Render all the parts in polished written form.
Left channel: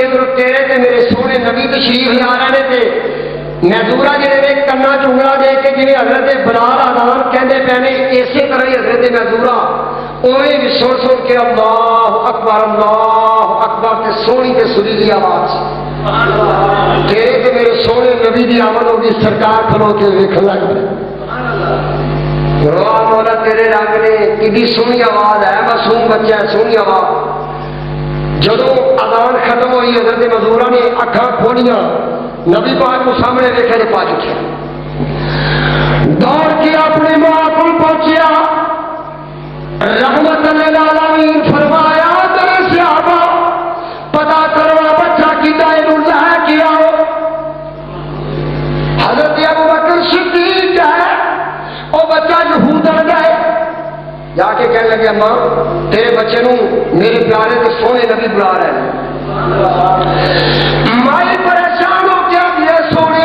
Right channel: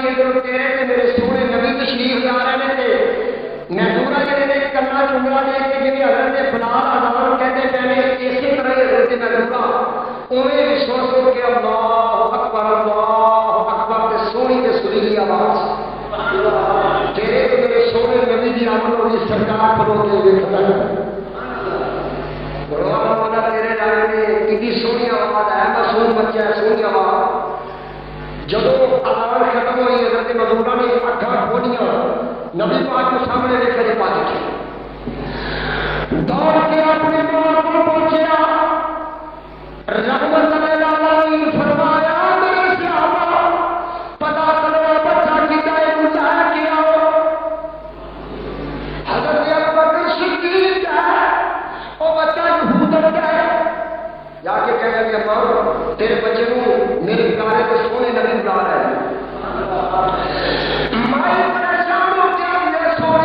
इधर तेरे ते मेरे सोने नबी तशरीफ ला रहे थे महजूरा जिहड़े कन्ना चुंगला दे के जिवें हजरत बलाल आदान कहते पे ने इसे तरह ही हजरत महजूरा उवें भी सुन सुन के अल्लाह अकबर ते सोहनी ते सुरीली आवाज तेरे ते मेरे सोने नबी की आमद होगी सरकार खलो के वेखण लग गए मौला तेरे रंग ने कि सोहनी आवाज है मासूम बच्चा सोहनी आवाज जदों अजान खत्म हुई हजरत मजूरा ने अखा खोलिया नबी पाक को सामने देखे पा चुके दौड़ के अपने मां को पहुंचा रहमत आलमीन फरमाया तेरे सहाबा पता करो बच्चा किदा इनू लेके आओ हजरत अबू बकर सिद्दीक है वो बच्चा यहूदा गए जाके कहने लगे मां तेरे बच्चे नू मेरे प्यारे तो सोने नबी बुला रहे मैं परेशान हो गया ये सोने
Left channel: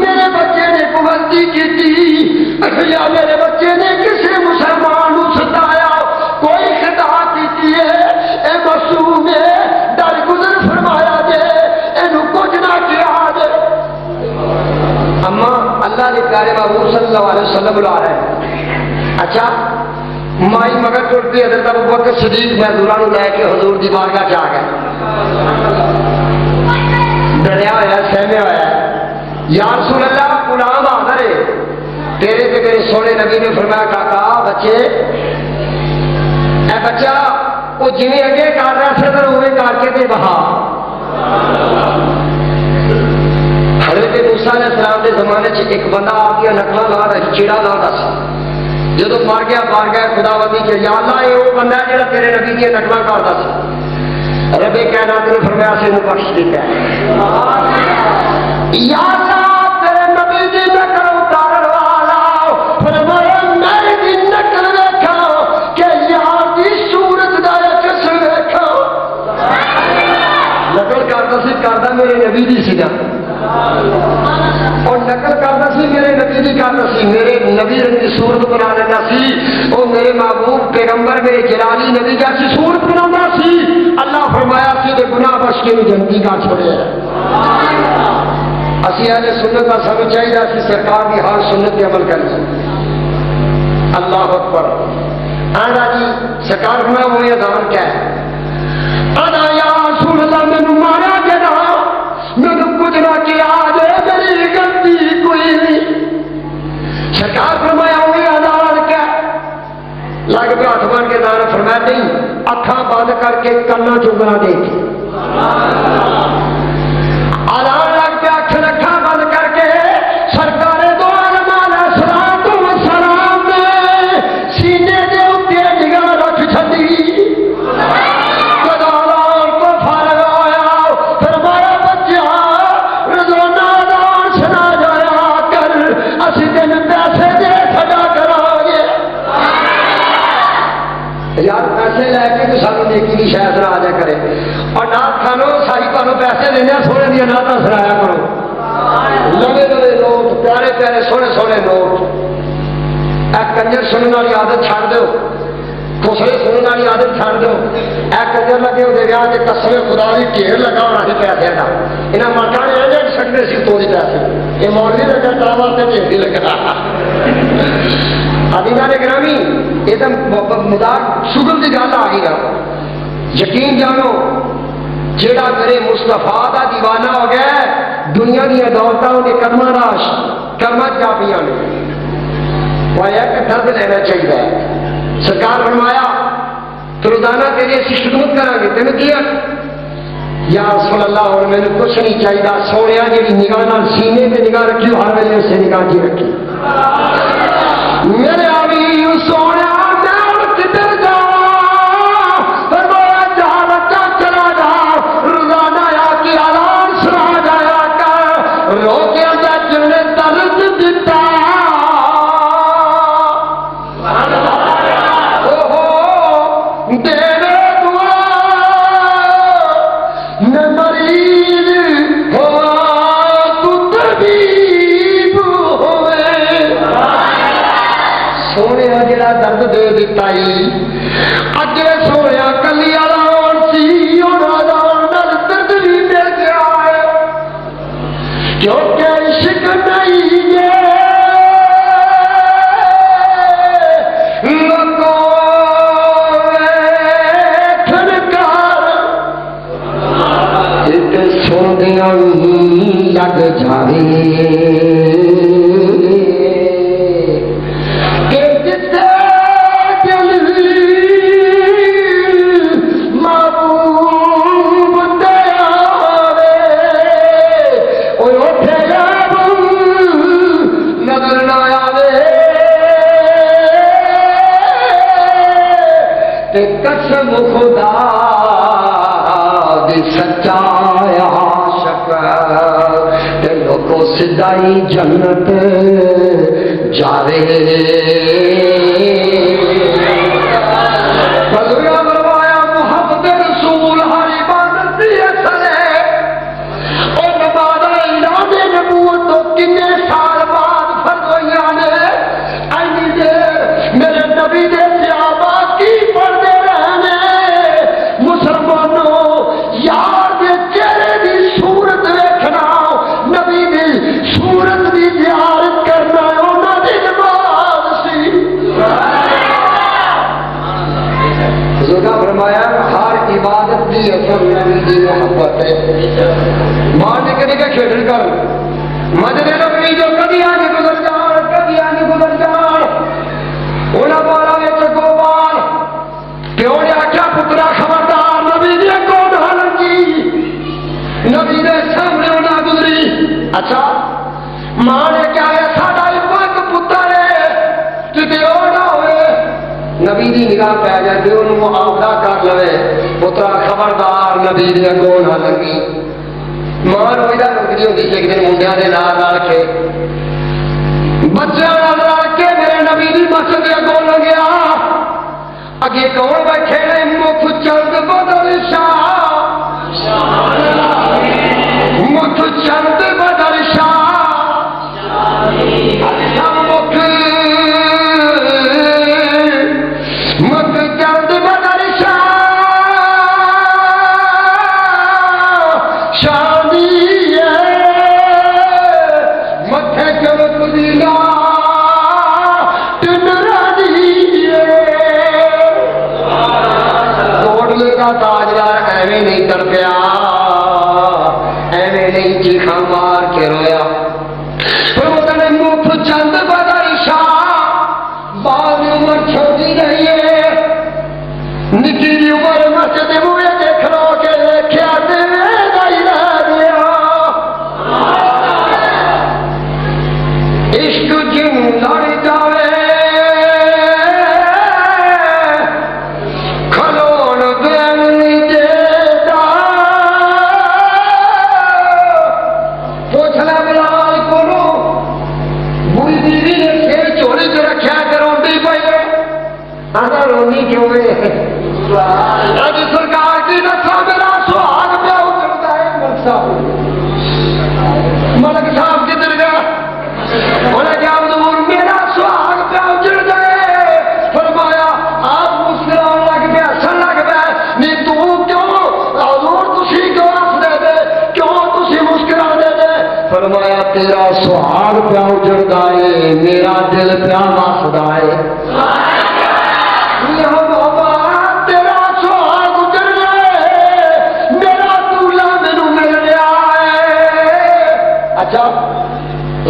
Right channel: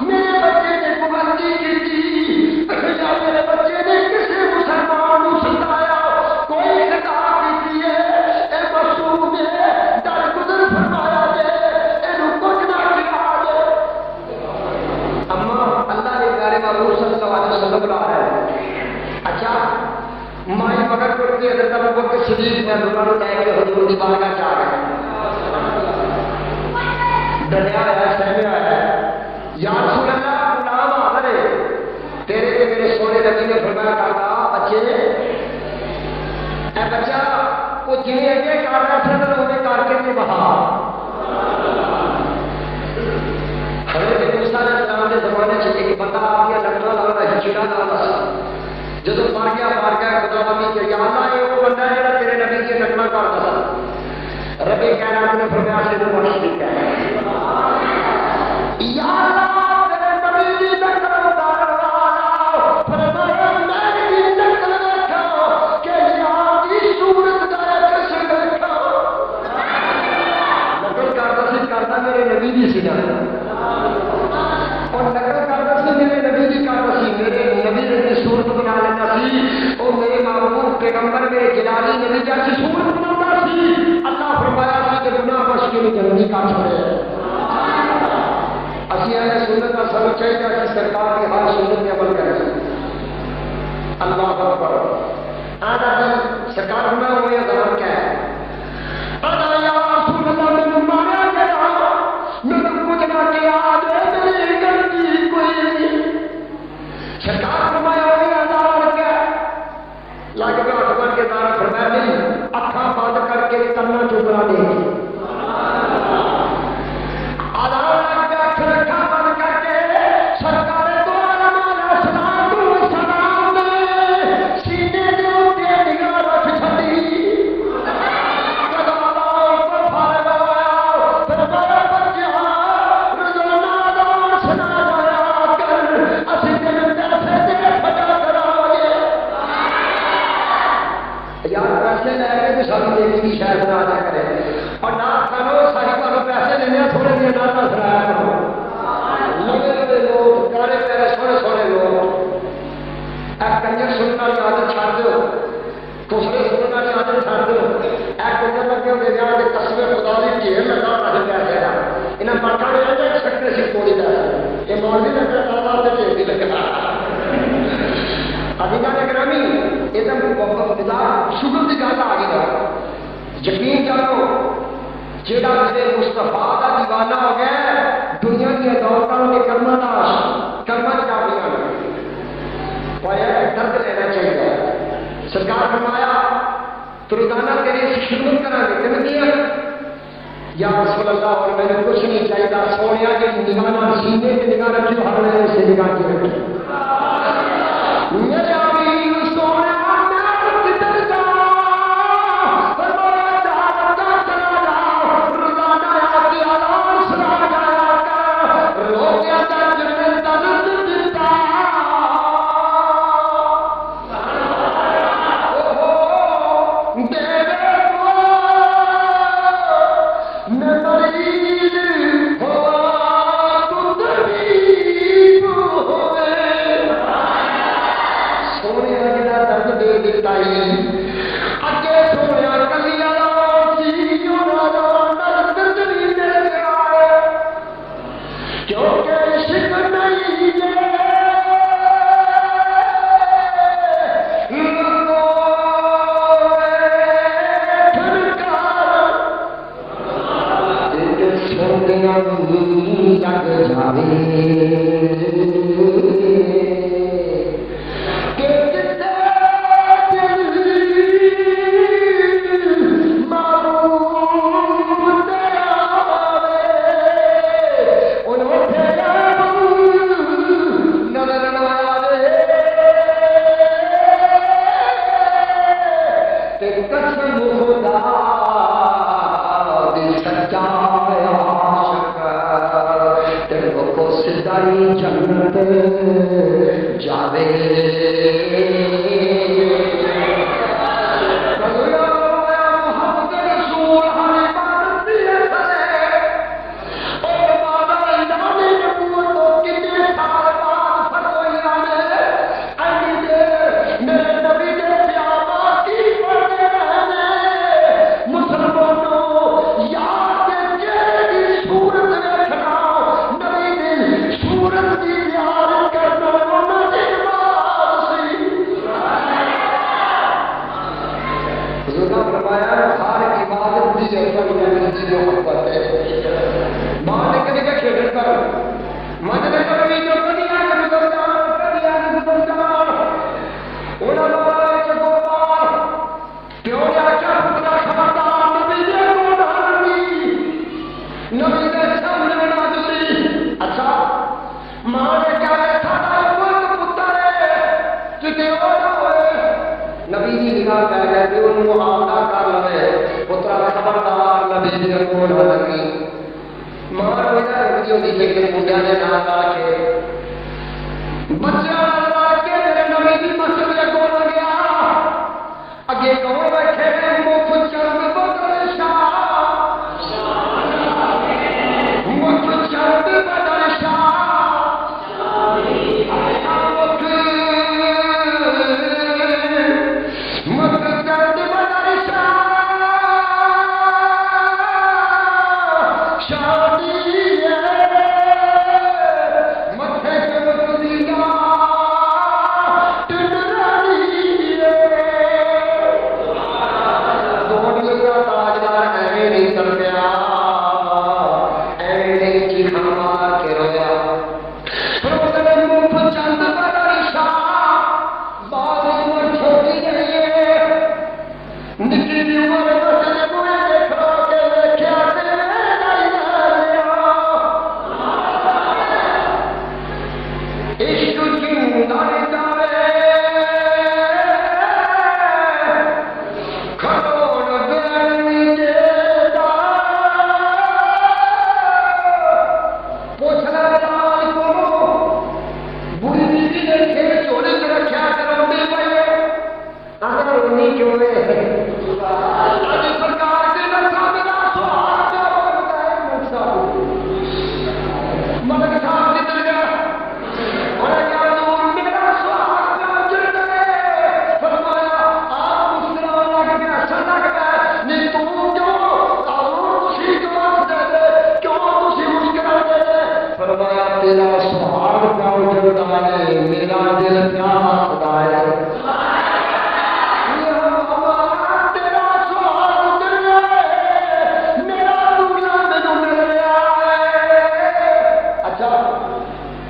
मेरे बच्चे ने कोई गलती की या मेरे बच्चे ने किसी मुसलमान को सताया कोई खता की है ए मासूम ने दर गुजर फरमाया जे इनू कुछ ना किया जे अम्मा अल्लाह के प्यारे महबूब सल्लल्लाहु अलैहि वसल्लम बुला रहे अच्छा माई मगर टुटती हजरत अबू बकर सिद्दीक महजूरा लैके हजूर की बारगाह च आ गए डरिया होया सहमिया होया या रसूल अल्लाह गुलाम आखर है तेरे ते मेरे सोने नबी ने फरमाया काका बच्चे ए बच्चा वो जिवें अगे कर रहा सदर होवे करके ते बहा हजरत मूसा अलैहिस्सलाम के जमाने च एक बंदा आ गया नकला ला रहा चिड़ा ला रहा जो मर गया खुदावंदी के या अल्लाह ये वो बंदा है जो तेरे नबी की नकला करता सी रबे कायनात ने फरमाया से बख्श दिता या अल्लाह तेरे नबी की नकल उतारन वाला फरमाया मैं की नकल देखा कि यार की सूरत दा कसम देखा नकल करता मेरे नबी की सीधा और नकल करता सी मेरे नबी की करता सी मेरे नबी की सूरत बना लेता सी और मेरे महबूब पैगंबर मेरे जलाली नबी का सूरत बनाता सी अल्लाह फरमाया सी ते गुनाह बख्श के जन्नती का छोड़े असी अहले सुन्नत का सब चाहिए कि सरकार की हर सुन्नत पे अमल करें अल्लाह अकबर आना जी सरकार बना वो ये दामन क्या है अदा या रसूल अल्लाह मैनू मारा जदा मैनू कुछ ना किया मेरी गलती कोई नहीं सरकार फरमाया वही अदालत क्या लग पे हाथ मार के दाना फरमाया नहीं अखा बंद करके कन्ना चुगना देखे अदान लग पे अख अखा बंद करके सरकारे दो सलाम ने सीने के उत्ते निगाह रख छड़ी को फारग होया फरमाया बच्चा रोजाना अदान सुना जाया कर असी तेन पैसे दे सजा करांगे यार पैसे लैके तो सानू नेकी की शायद सुना दिया करे और नाथ खानो सारी तुहानू पैसे देने सोने दी नाथ सुनाया करो लवे लवे नोट प्यारे प्यारे सोने सोने नोट कंजर सुनने वाली आदत छड़ दो खुसरे सुनने वाली आदत छड़ दो कंजर लगे दरिया के कसम खुदा की ढेर लगा होना सी पैसे का इन्हें मर्दा ने ले सकते सी थोड़ी पैसे ये मौलवी लगा तावा से ढेर नहीं लग रहा अदीदा ने ग्रामी एकदम मजाक शुगल की गल आ गई यकीन जानो जेड़ा मेरे मुस्तफा का दीवाना हो गया दुनिया दी दौलत उन्हें कर्मा राश कर्मा जापिया ने एक दर्द लेना चाहिए सरकार फरमाया तो रोजाना तेरी असं खिदमत करांगे तेन किया या रसूल अल्लाह और मैंने कुछ नहीं चाहिए सोने जी निगाह सीने से निगाह रखी हर वेले से निगाह जी रखी मेरे आवी सोने सच्चा आशिक ते लोगों सिधाई जन्नत जावे। नबी की निगाह पै जाती उन्होंने आपदा कर लवे पुत्रा खबरदार नबी दे अगों ना लगी। मां रोईदा रुकदी होंदी सी एक दिन मुंडिया के नाल के बच्चों नाल के मेरे नबी की मस्जिद के अगों लंघिया। अगे कौन बैठे ने मुख चंद बदल शाह मुख चंद बदल शाह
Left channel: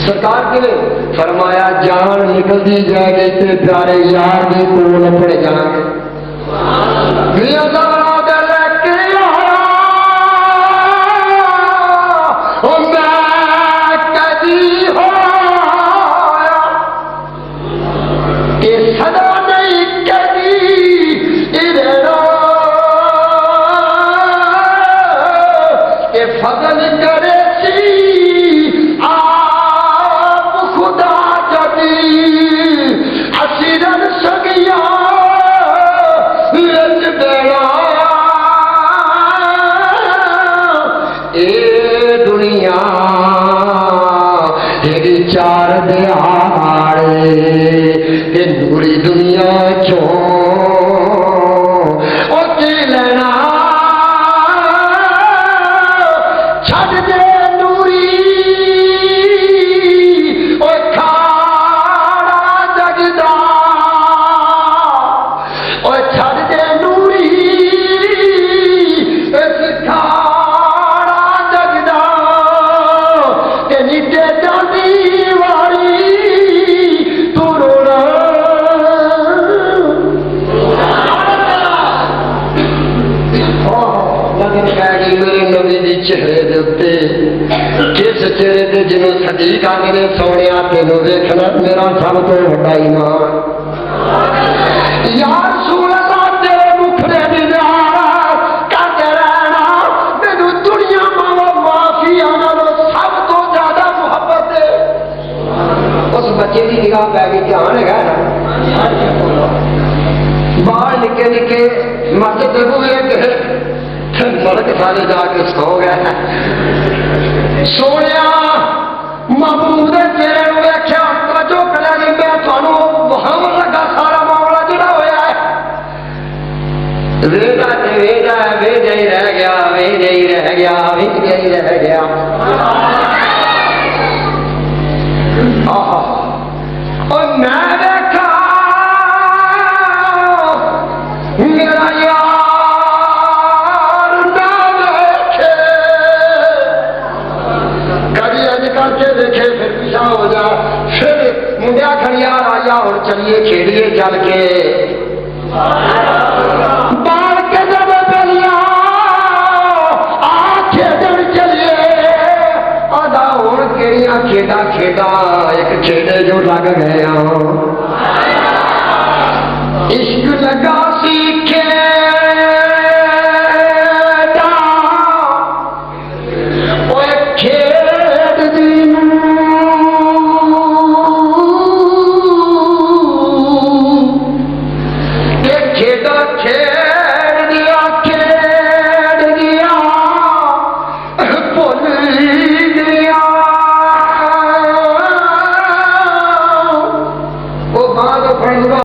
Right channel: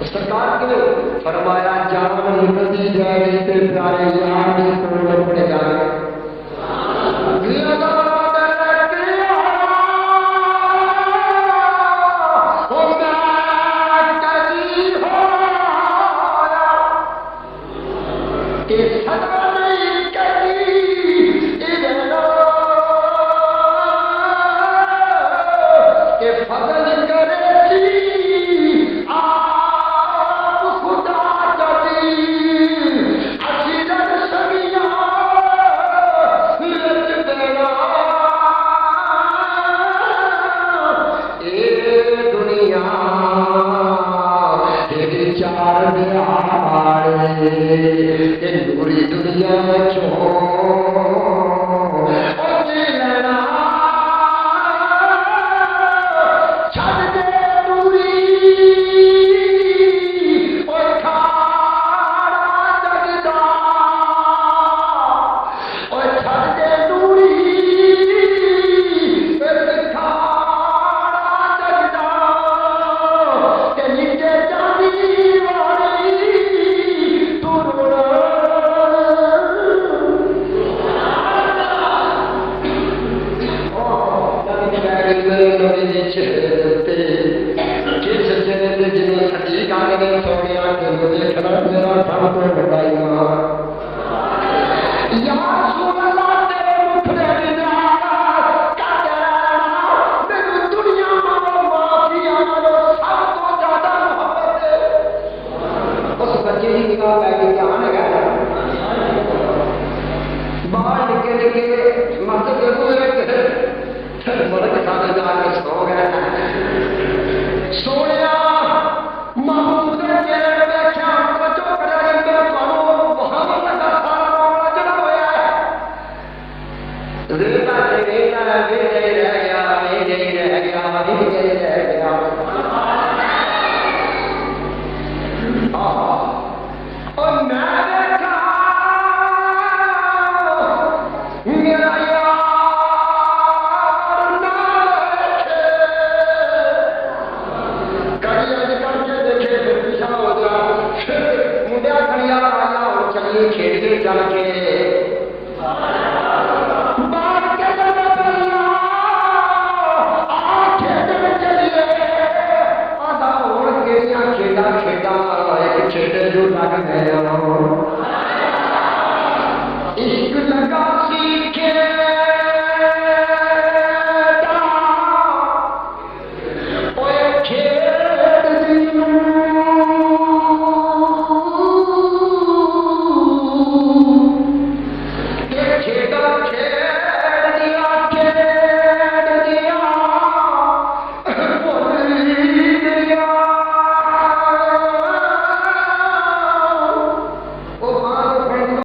सरकार के फरमाया जान निकलती जाएगी ते प्यारे यार के कोल अपने जाएंगे। सोने महमूद ने मेरे को आख्या तवज्जो करा नहीं मैं थानू वहां लगा सारा मामला जिहड़ा होया है वेदा ते वेदा वेदा ही रह गया वेदा ही रह गया वेदा ही रह गया और मैं देखा मेरा यार ना देखे कभी अज करके देखे फिर पीछा हो जा फिर मुंडिया खड़ियार आया और चलिए खेलिए चल के बाल के जब पहलिया आ खेडन चलिए आधा और केड़िया खेडा खेडा एक खेडे जो लग गया